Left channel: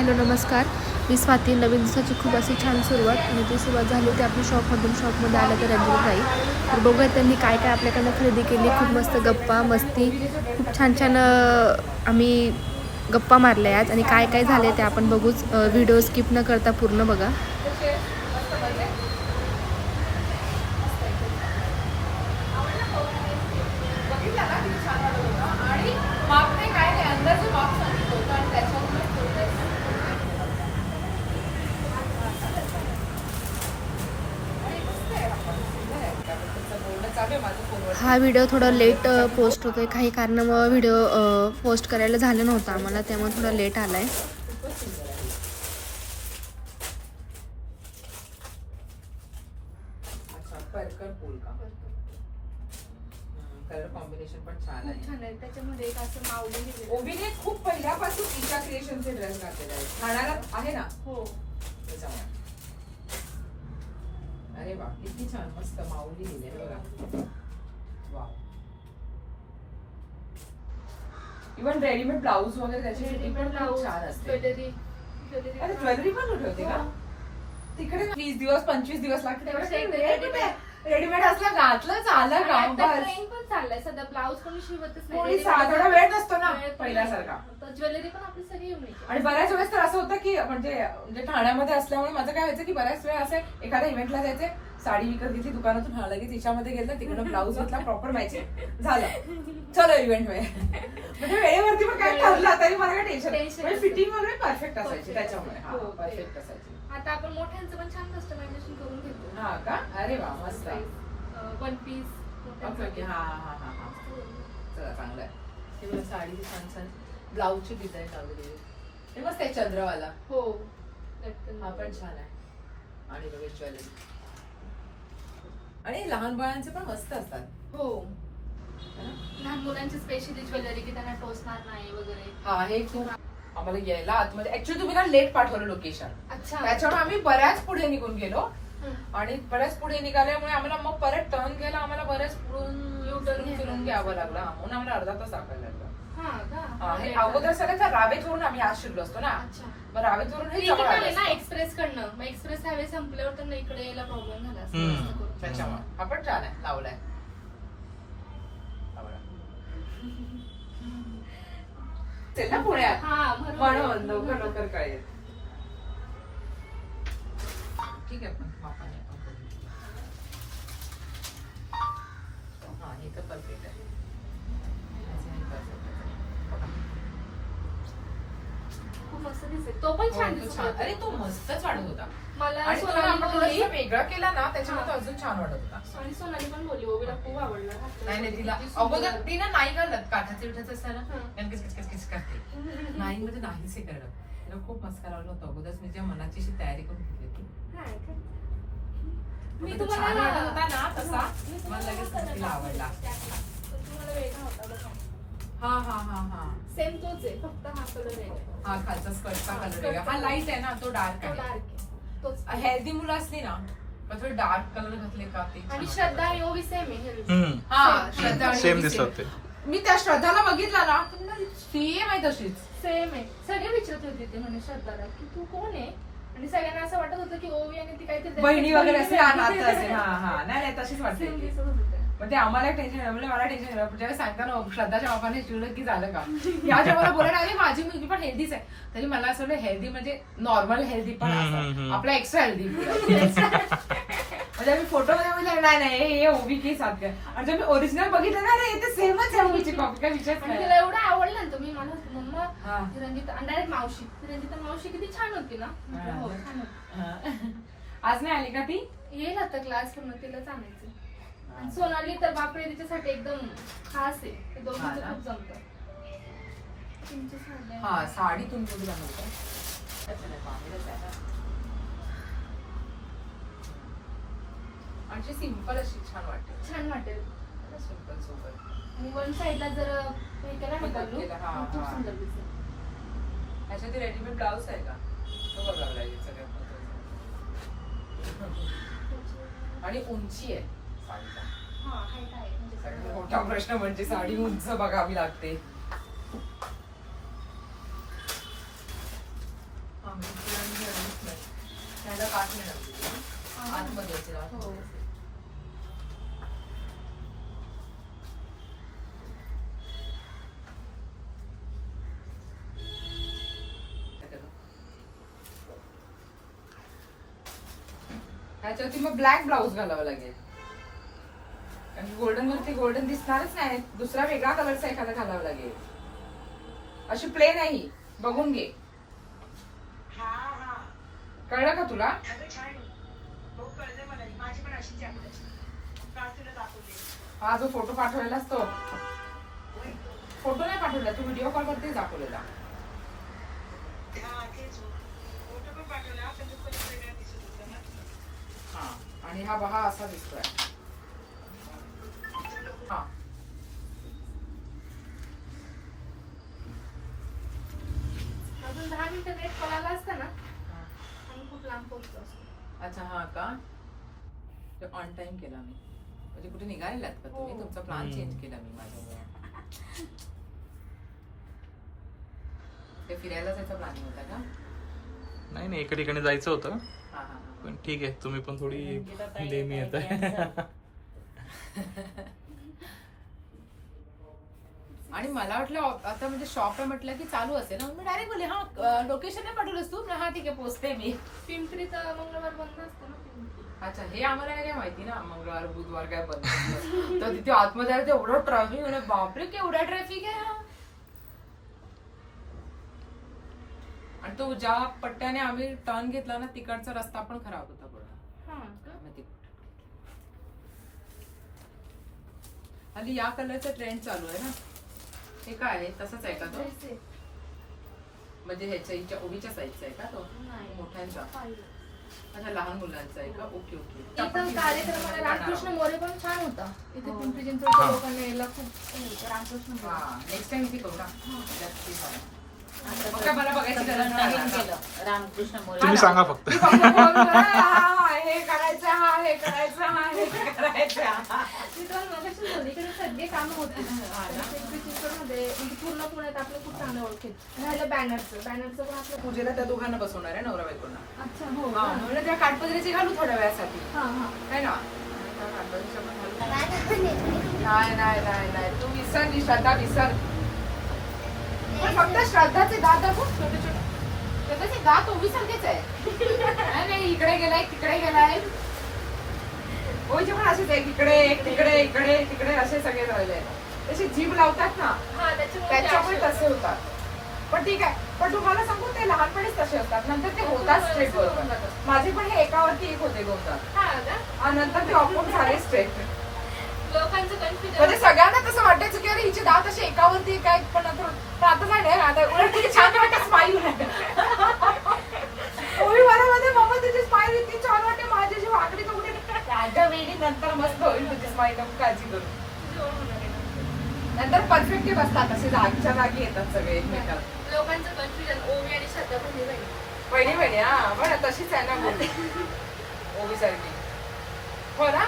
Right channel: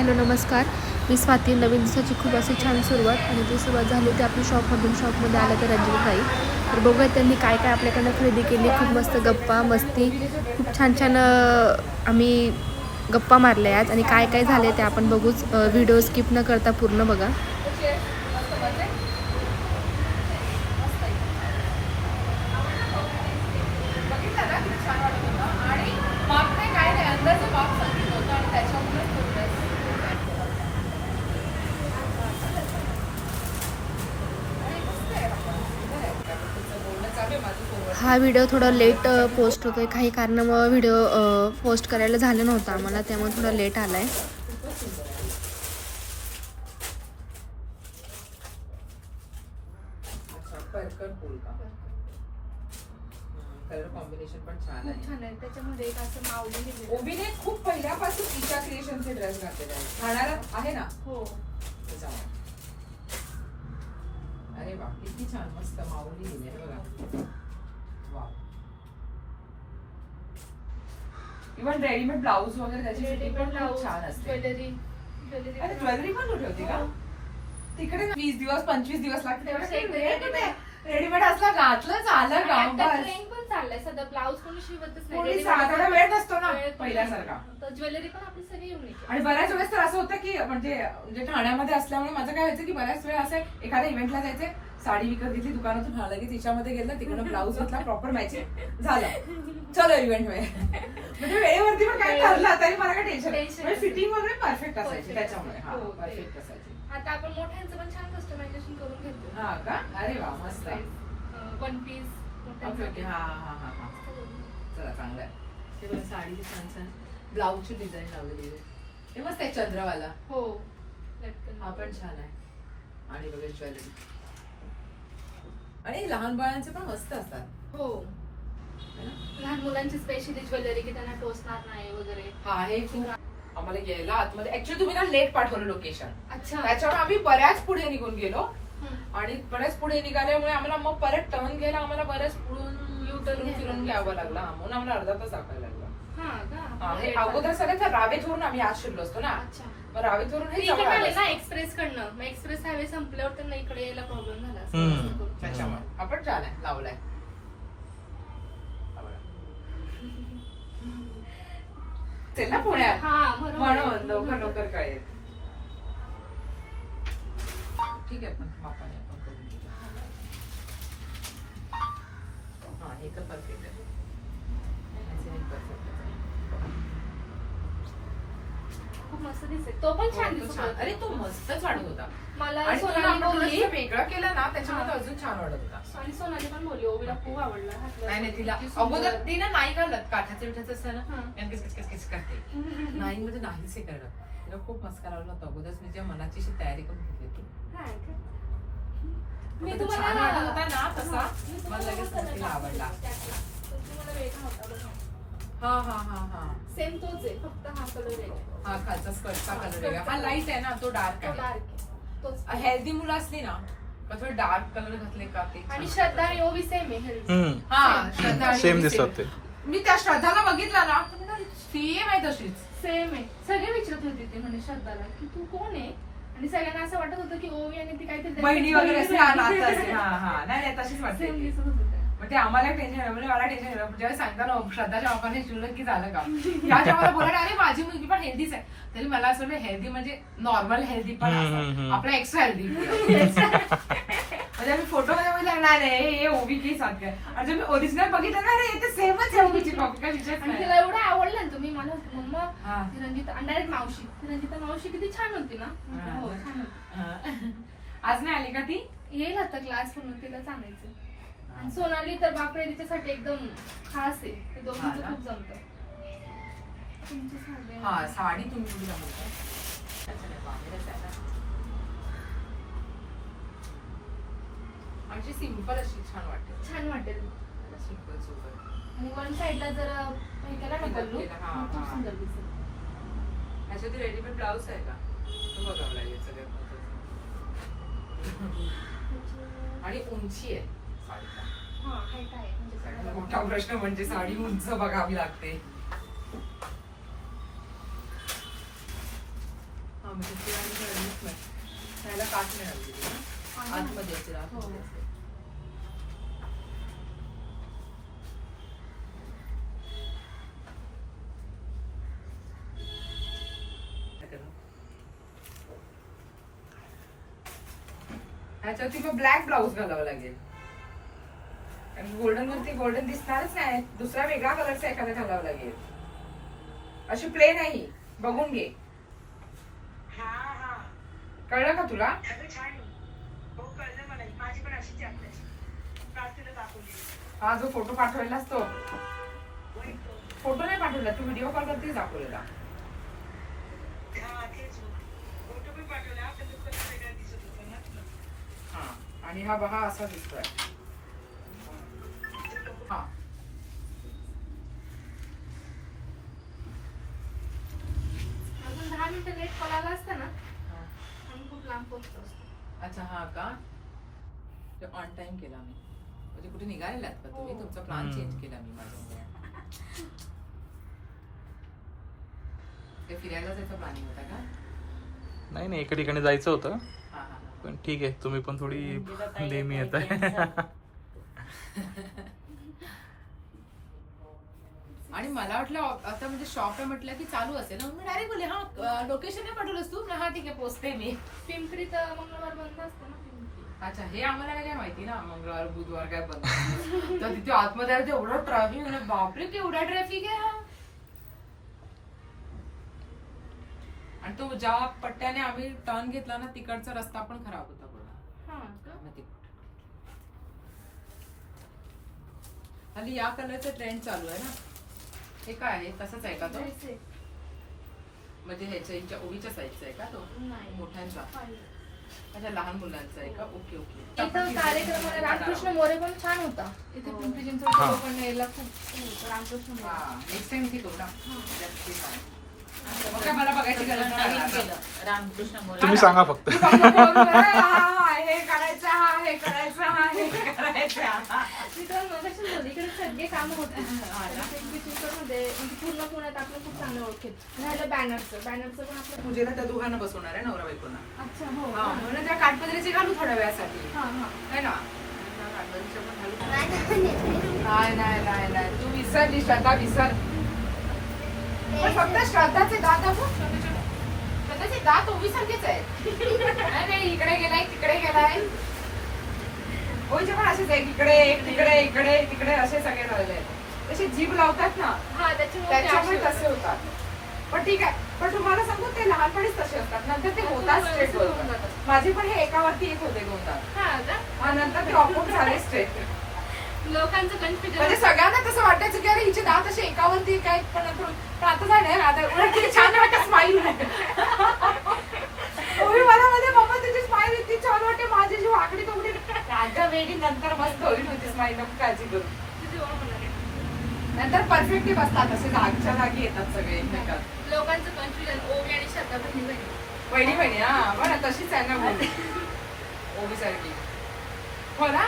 Hello नमस्कार. मी स्वाती. नवीन दिवसाची खूप अशी छान सुरुवात आणि ती सुरुवात झाली ती आपली शॉपमधून शॉपमध्ये आल्या तर रंजनताई. तर बघूया त्यांनी काय काय आपल्याकडनं खरेदी केली. खूप मस्त गप्पा मस्ती. खूप छान छान आम्ही गप्पा मारल्या आहेत आणि काय काय झाले ते आपण बघूच. व्हिडिओ स्किप न करता पूर्ण बघा. हा व्हिडिओ थोडा लेट पोस्ट होतोय. काही कारणामुळे व्हिडिओ पोस्ट करायला झालं नव्हतं आम्हाला त्यामुळे थोडा लेट आला आहे अच्छा परकर फुल का? कलर कॉम्बिनेशन पण छान आहे. छान आहे. त्याच्यामध्ये एक असं माऊली ओबीने खूप पहिल्यापासून ईशा क्रिएशनचे ड्रेस घातलेले आहेत. ठाण्याला आहे ना? हो. त्याच्यामुळे. अरे वा किती छान मस्त माऊली लिहिले बघा. इव्हन रेडीमेड ब्लाऊज वगैरे त्याची फिटिंग पण खूप छान असते. ज्वेलरी अरे ज्वेलरी पण कुठे होती का तिकडे वीस दिवस पंचवीस दिवस लागते त्यापेक्षा रेडीमेड असला घातलं झालं का बस पण चाललाय. सध्या ब्लाऊज कोणी शिवतच कोणी साधा वेळ नसतो ना वेळ पहिल्यासारखा. ज्वेलरी पण आपली सगळी आणि बऱ्याच वेळेस तर असं होतं की म्हणजे म्हणजे ठाण्यामध्ये असल्यामुळे माझं काय व्हायचं की बऱ्याच वेळ असं एखाद्या इव्हेंटला जायचे साडी विकत घेतली दुकानातून हा लगेच तिच्यामध्ये गेलं तिकडनं ब्लाऊज घेतला प्रॉपर मॅचिंग झालं. चलो इव्हेंटमध्ये म्हणजे वेळेवरती पण काय ठरलं तरी मला काय टेन्शन म्हणजे. फिटिंग वगैरे परफेक्ट असायची. त्याच्यामुळे. हा. परफेक्ट असायची. आता आपण मोठ्यांचं पण छान कस्टमायझेशन करून घेतो. हा का? अरे वा मस्त. वन पीस ओके ओके हा हा हा हा. चला चांगलं आहे. हे बघा साडीची छान छान. ब्लाऊजची डिझाईन लावलेली आहे. हे मस्त आहे चंद्रवाला. हो लटकन. हा पण छान आहे. आणि बघा ज्वेलरी. आणि लहान बाळांचे पण मस्त असतात. हो. है ना? लहान मुलांची स्पेशली ज्वेलरी की त्यांना टोचणार नाही वगैरे. हा हे खूप आम्हाला यायला आतमध्ये ऍक्च्युली तुम्ही ना लेट पाठवलं लोकेशन अच्छा. त्याच्यामुळे आम्ही बऱ्याच पुढे निघून गेलो. आणि बऱ्याच पुढे निघाल्यामुळे आम्हाला मग परत टर्न घ्यायला आम्हाला बऱ्याच पुढून यू टर्न फिरून घ्यावं लागलं. म्हणून आम्हाला अर्धा तास दाखवायला लागला. का? Late अगोदर झालं. सगळ्यात रावेतवरून आम्ही आज शिरलो असतो ना. अच्छा. मग रावेतवरून हे ना. एक्सप्रेस कडनं एक्सप्रेस हायवे संपल्यावर त्यांना इकडे यायला प्रॉब्लेम झाला. त्याच्यामुळे. हा पण छान आहे. लावलाय. चल ना पुण्यात. हा म्हणून लवकर लवकर कळेल ठीक आहे आपण हे. हा हे तर परफेक्ट आहे. खूप मस्त दिसत तो पण छान दिसत होता. अरे तो मस्त वाटत होता. मला सोनाली बोलली. वेगळा केला ना त्याच्यामुळे तो अजून छान वाटत होता. आणि सोनाली पण बोलली खूप आवडला. नाही नाही तिला किती सुंदर. अगोदर ती ना नाही घालत काठाचं विठाचं असतं ना हं. आणि किस किस किस किस करते. नाही म्हणजे नाहीच हे करणं तिला खूप मस्का लावला होता. अगोदरच मी तिच्या मनाची अशी तयारी करून घेतली होती? मी तुम्हाला छान वाटत होता ना तसा. हा, मला लगेच तिला आवडला. हा हा हा हा. सेम तोच आहे फक्त हा कलर वेगळा हा खालचा स्कर्टचा कलर वेगळा. हा लाइट आहे ना तो डार्क तो आहे. डार्क आहे. तोच. हेल्दी मुलं असली ना का थोडे डार्क कलर घातले का ते आणि. श्रद्धा आणि ओवी सेम आहे. हम्म. हा श्रद्धा आणि सेम ओवी दिसतात ते मी त्या श्रद्धाला बघितला ना सेम आहे तशीच सेम आहे सगळे विचारत होते ते म्हणे श्रद्धाला की तू कोण आहे आणि सगळ्यांना असं वाटत होतं की ओवी आणि ती काहीतरी बहिणी वगैरे असते हा, आहे. नातं असेल. हा हा नाही नाही, तशीच वाटते Same ती. दिसत होतं त्या. मग ते आम्हाला टेन्शन म्हणजे मला टेन्शन जेव्हा सांगता ना श्रद्धाच्या बापाने शिवलं की झालं का या जेव्हा मला बोलायला अरे माझी मुलगी पण हेल्दीच आहे. तरी मला असं हेल्दी म्हणजे नॉर्मल हेल्दी पण असं. आपला एक्स्ट्रा हेल्दी म्हणजे मी फोटो नाही नाही हे- ओबी की साथ काय आणि जेव्हा मी ओरिजिनल बघितलं ना अरे ते सेमच आहे ओबीची कॉपी काय आणि नाही. तिला एवढं आवडलं ना तुम्ही मला मम्मा हा. ती रंजिता आणि डायरेक्ट मावशी. ती रंजिता मावशी किती छान होती ना. हो. छान होती. आज नाही आली का ती? येईल आता क्लास पूर्ण तिलाच आणायचं आणि सोनाली तर बापरे तिच्यासाठी एकदम खास आहे ते हा दोघांचं ना? खूप जमतं तुमचं सांगा. हा साडी तुम्ही आणि सिंपल अशी छान वाटते छान वाटेल सिंपल सुंदर आणि वन साईडला जर हे केलं ना Makeup गल्लू, केला, हा, मग खूप हा. सुंदर दिसेल ह्याच्यात रेडीमेड ब्लाऊज आहे का तो बघायला लागेल सगळ्यात. आणि उंची आहे मोठा प्रश्न म्हणजे साडी उंच बघावी लागते. त्याला. आतमध्ये. हो. ह्याच्यावरती मग ब्लॅक ब्लाऊज घालावं लागेल. गोल्डन वरती गोल्डन दिसणारच नाही. दुसरा वेगळा कलरचा एखादा घालावा लागेल. अशी प्लेन आहे ही. बघून घे. कळलं का तुला. हो हा जो फोटो पाठवलेलास तो वही तो. फोटो नाही पाठवला. तू व्हिडिओ कॉल करतेच दाखवलेला. हा हा. आणि हा बहा असा दिसतोय. हा. अजून दहा मिनिटं लेट कॉल असतं ना? आम्ही खूप लांब पोहोचतो असतो. अच्छा हा का? ऑन टाइम केला मी. म्हणजे कुठे निघालेलात का तुम्ही? हो. तुमचा प्लॅन हम्म. चेंज केला मी माझ्यामुळे. ते फिरायला जायचा प्लॅनिंग होता का? नाही नाही एका ठिकाणी जायचं होतं. हा हा हा. पण ठीक आहे तुम्ही पण थोडी नेहमी येत आणि मला वाटलं आता म्हणजे शॉप आहे म्हटलं की चालू असेल. ना मी डायरेक्ट बोलले हा लोकेशन नाही पाठवलंस तू? हा ठीक आहे पोचते मी. पिंपरीत मंगळवार बंद असतं ना अच्छा हे आम्हाला नाही काय माहिती ना मंगळवार बुधवार काय बंद तर तिथे आतमध्ये आलं एवढं ट्रॅफिक म्हणजे बापरे केवढा ट्रॅफिक आहे हा. आणि तो ज्या पट्ट्याने आम्ही टर्न घेतला ना तिकडचा रस्ता पण खराब होता हा हल्ली या कलरचा ट्रेंड चालू आहे ना. हे काय आहे? तसंच आहे का तो. म्हणजे ह्याच्या हिच्या ओळीच्या साईजचा आहे का तो? नाही. मोठ्यांचा. अच्छा लहान मुलांचा आहे का? Okay okay. इथं कार्यक्रमाला रामकृष्ण मोरे पण छान होता. इथे हो. पिंपरी चिंचवडच्या हा. लोकांना यायला खूप होतं, रामकृष्ण मोरे. नेक्स्ट टाइम इथे करू ना. मग काय मला बघायची गरज नाही. आता. रामकृष्ण मोरे. तुम्ही सांगा फक्त. तू फक्त. फोन कर, हा, हे करायचं हा हे करायचं हा हे करायचं. तिथं मगाशी सगळे कामं होते चिंचवडमध्ये म्हणजे पूर्ण पुण्यात आपलं खूप चांगलं ओळखेल राहिलं बॅनरचं. बॅनरचं पण आपलं पूजेला त्या दोघांना बसवणार आहे नवरा बायकोंना अच्छा हो. हा म्हणून त्या काठपदरीचे घालू थोड्या वेळासाठी. हा हा. है ना? काठपदरीचे पण घालू. नाही नाही नाही नाही. तू विसरली श्रद्धा विसर. पण फक्त श्रद्धाचे दात दाखव. छोटे छोटे. श्रद्धाचे दात ओवी सारखेच आहे नाही नाही इकडे गेलाय तिकडे गेलाय. ओवीचे पण असेच आहे इकडे एक तिकडे इकडे तिकडे असे सगळे झालेले आहेत. तशी जीभ लावतात ना त्याच्यामुळे तसे होतात. पण ठीक आहे पण तुम्हाला सांगू ते लहानपणीच तसे असतात नंतर ते होतात स्ट्रेट माझे पण हे एकावरती एक होते हा आणि नंतर ते ऑपोज झाले स्ट्रेट लोकांचं कन्फ्युजन म्हणजे सगळ्यांना तसं वाटायचं की अरे हिचे दात असे एकावरती काय? पण नंतर आता नाही आता उलट छान वाटत स्माईल ओवी मला मध्ये मम्मा तुझी स्माईल इतकी छान वाटते माझी जी वाकडी राजा वेडी नंतर मस्त होईल स्माईल नको काळजी करू. नंतर परफेक्टली बसतात असे जागीच्या जागी येतात सगळे एकमेकात लोकांचं कन्फ्युजन ओवी आणि श्रद्धा बहिणी बहिणी वहिनी. वहिनी हा बरं तशीच आहे ना वहिनी ओवी सारखी. हो ना?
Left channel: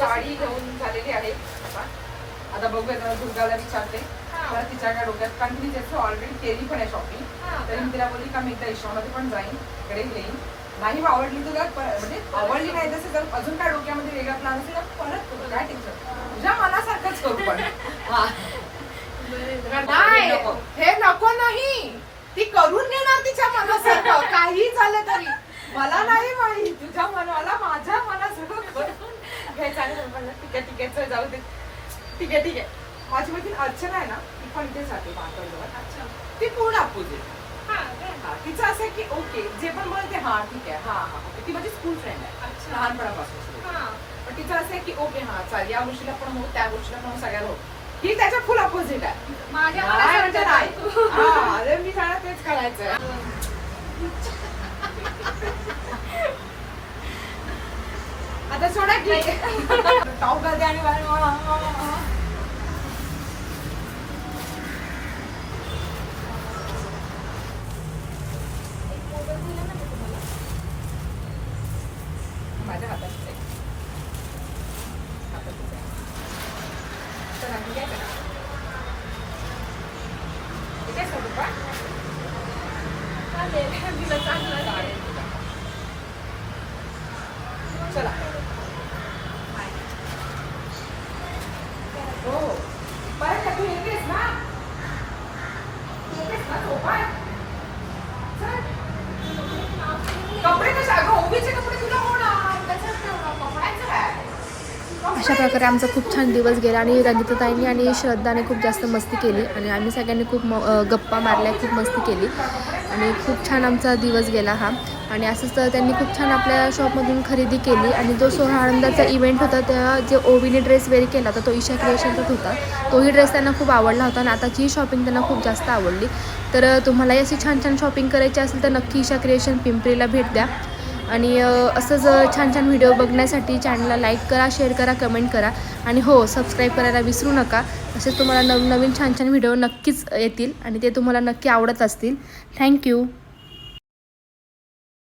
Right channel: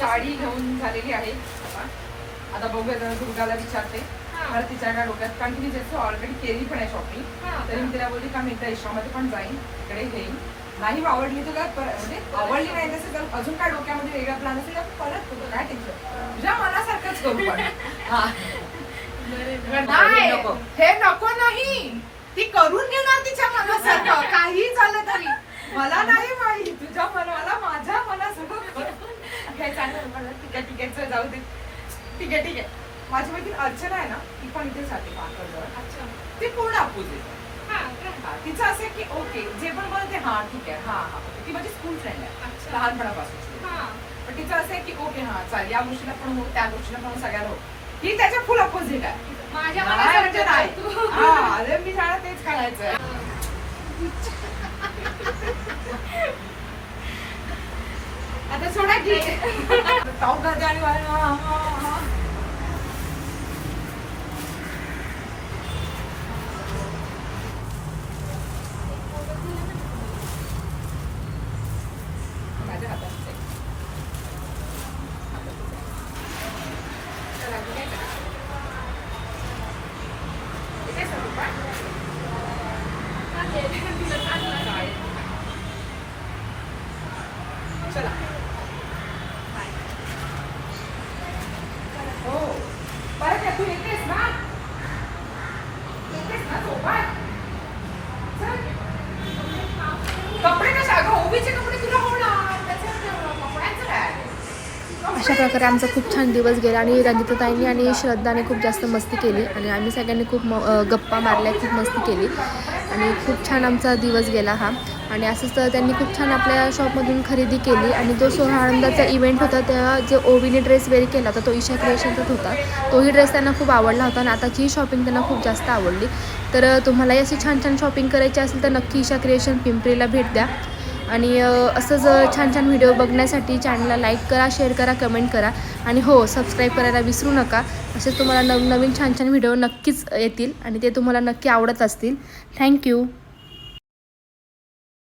साडी घेऊन झालेली आहे. आता. बघूया दुर्गाला विचारते. मला तिच्या काय डोक्यात कारण की मी त्याचं ऑलरेडी केली पण आहे शॉपिंग. तरी मी तिला बोलली का मी एकदा ईशामध्ये पण जाईन इकडे घेईन. नाही आवडली तुला? म्हणजे आवडली नाही तसं जर अजून काय डोक्यामध्ये वेगळा प्लॅन असेल तर परत करू काय टेन्शन तुझ्या मनासारखंच करू पण. हा. नाही हे नको नाही. ती करून घेणार तिच्या मनासारखं. काही झालं तरी. मला नाही माहिती. तुझ्या मनाला माझ्या मनासारखं करून घ्यायचं ठीक आहे ठीक आहे जाऊ दे. ठीक आहे ठीक आहे. माझी मैत्रीण अर्चना आहे ना ती पण इथे जाते पाहतो अच्छा. ती पूर्ण अपोजिट हा का? तिचं असं आहे की ओके जे पण बोलते हा ठीक आहे हा हा. ती माझी स्कूल फ्रेंड आहे. अच्छा. लहानपणापासून हा. पण तिचं असं आहे की ओके हा चाल या गोष्टीला पण हो त्या गोष्टीला पण सगळ्याला हो ही त्याच्या फुल अपोजिट आहे. माझ्या नाही म्हणजे नाही. मनासारखं हा, अरे मी शाळा तेच करायचं आता सोडा की. टॉप घालते आणि माझ्या हातात आहे. हातातच आहे. चला ठीक आहे का? इथेच आहे पप्पा? आले. तिला चाललं गाडी. चला. हो. बाय तू येतेस ना? येतेस ना झोपाय कपडे कशा अगं ओबीचे कपडे तुला होणार. त्याच्यात कपड्याचं काय अशा प्रकारे आमचा खूप छान दिवस गेला आणि रंजिताताईंनी आणि श्रद्धाने खूप जास्त मस्ती केली आणि आम्ही सगळ्यांनी खूप गप्पा मारल्या खूप मस्ती केली. आणि खूप छान आमचा दिवस गेला हा. आणि असंच तर त्यांनी खूप छान आपल्या शॉपमधून खरेदी केली आणि जो सोहळा आनंदाचा इव्हेंट होता तेव्हा जे ओवीने ड्रेस वेअर केला होता तो ईशा क्रिएशनचाच होता. तोही ड्रेस त्यांना खूप आवडला होता आणि आताची शॉपिंग त्यांना खूप जास्त आवडली. तर तुम्हालाही अशी छान छान शॉपिंग करायची असेल तर नक्की ईशा क्रिएशन पिंपरीला भेट द्या. आणि असंच छान छान व्हिडिओ बघण्यासाठी चॅनलला लाईक करा शेअर करा कमेंट करा आणि हो सबस्क्राईब करायला विसरू नका. असेच तुम्हाला नव नवीन छान छान व्हिडिओ नक्कीच येतील आणि ते तुम्हाला नक्की आवडत असतील. थँक्यू